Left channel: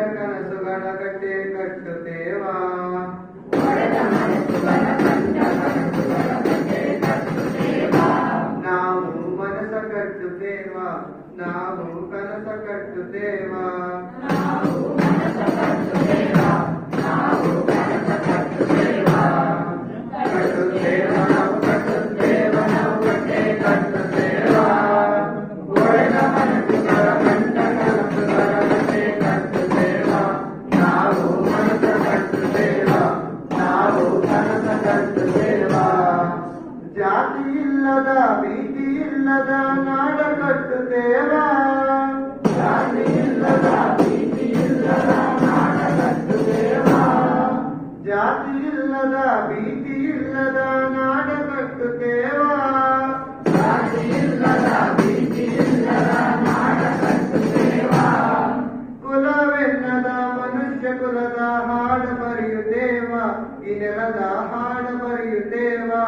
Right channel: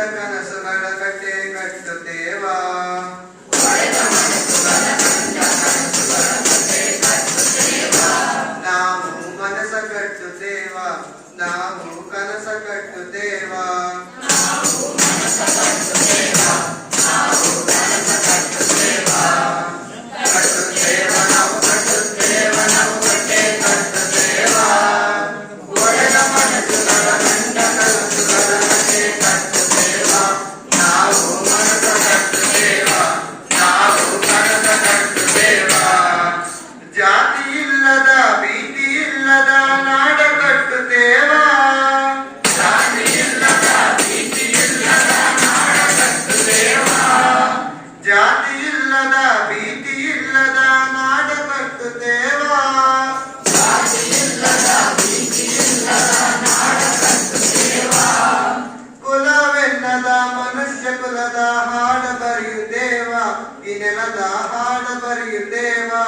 ಒಡೆದ ಕನಸುಗಳ ಕಟ್ಟೆ ಕಟ್ಟುತ್ತೇವಾ ನಾವು ಮನಸ ಕಟ್ಟುತ್ತೇವಾ ನಾವು ಕನಸ ಕಟ್ಟುತ್ತೇವಾ ಇಲ್ಲದ ಭೀತಿ ಇಲ್ಲದ ನಾಡ ಕಟ್ಟುತ್ತೇವಾ? ಜಾತಿ ಇಲ್ಲದ ಭೀತಿ ಇಲ್ಲದ ನಾಡ ಕಟ್ಟುತ್ತೇವಾ? ಕುಲವೆನ್ನದ ಮನುಷ್ಯ ಕುಲದ ಹಾಡ ಬರೆಯುತ್ತೇವಾ? ಈ ನೆಲದ ಹಾಡ ಬರೆಯುತ್ತೇವಾ?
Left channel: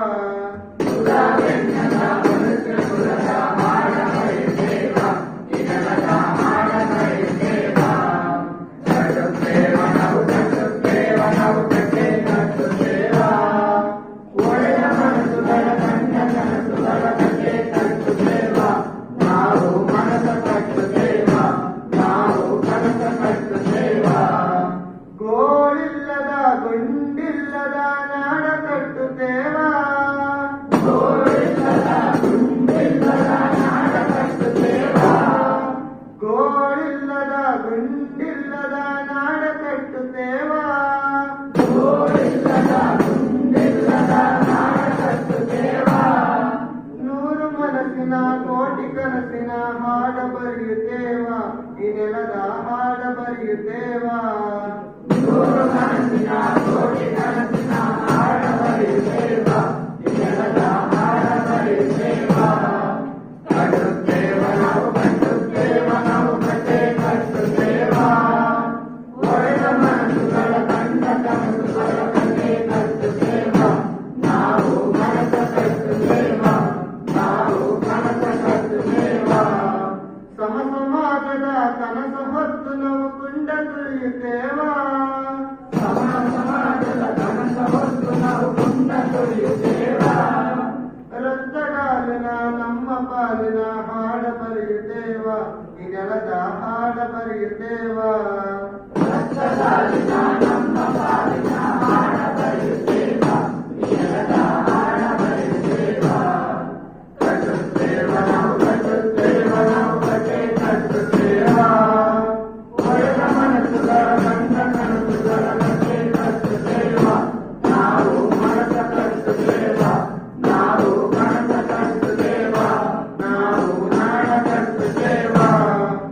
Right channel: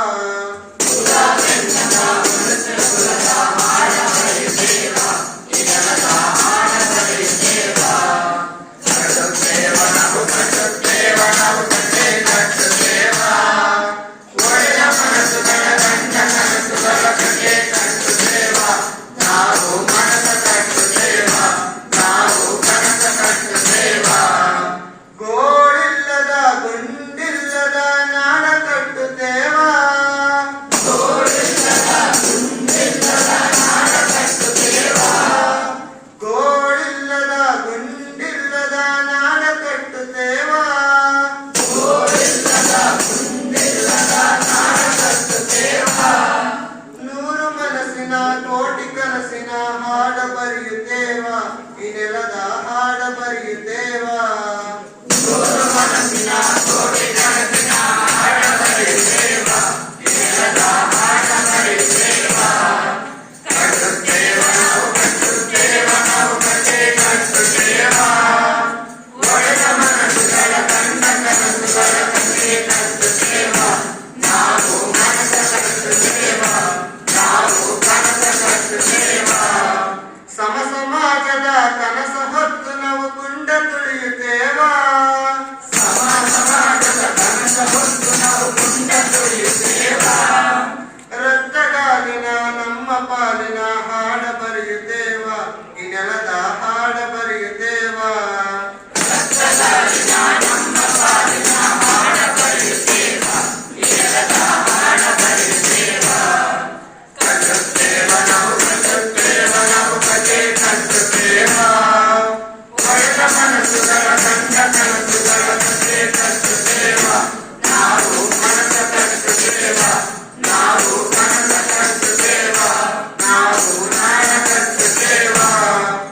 Sayyideva. Guru Manasinato. ಪಾಲಿನ ನಮ್ಮ ಪಾಲಿನ ಹಾಡ ಬರೆಯುತ್ತೇವ. ಈ ನೆಲದ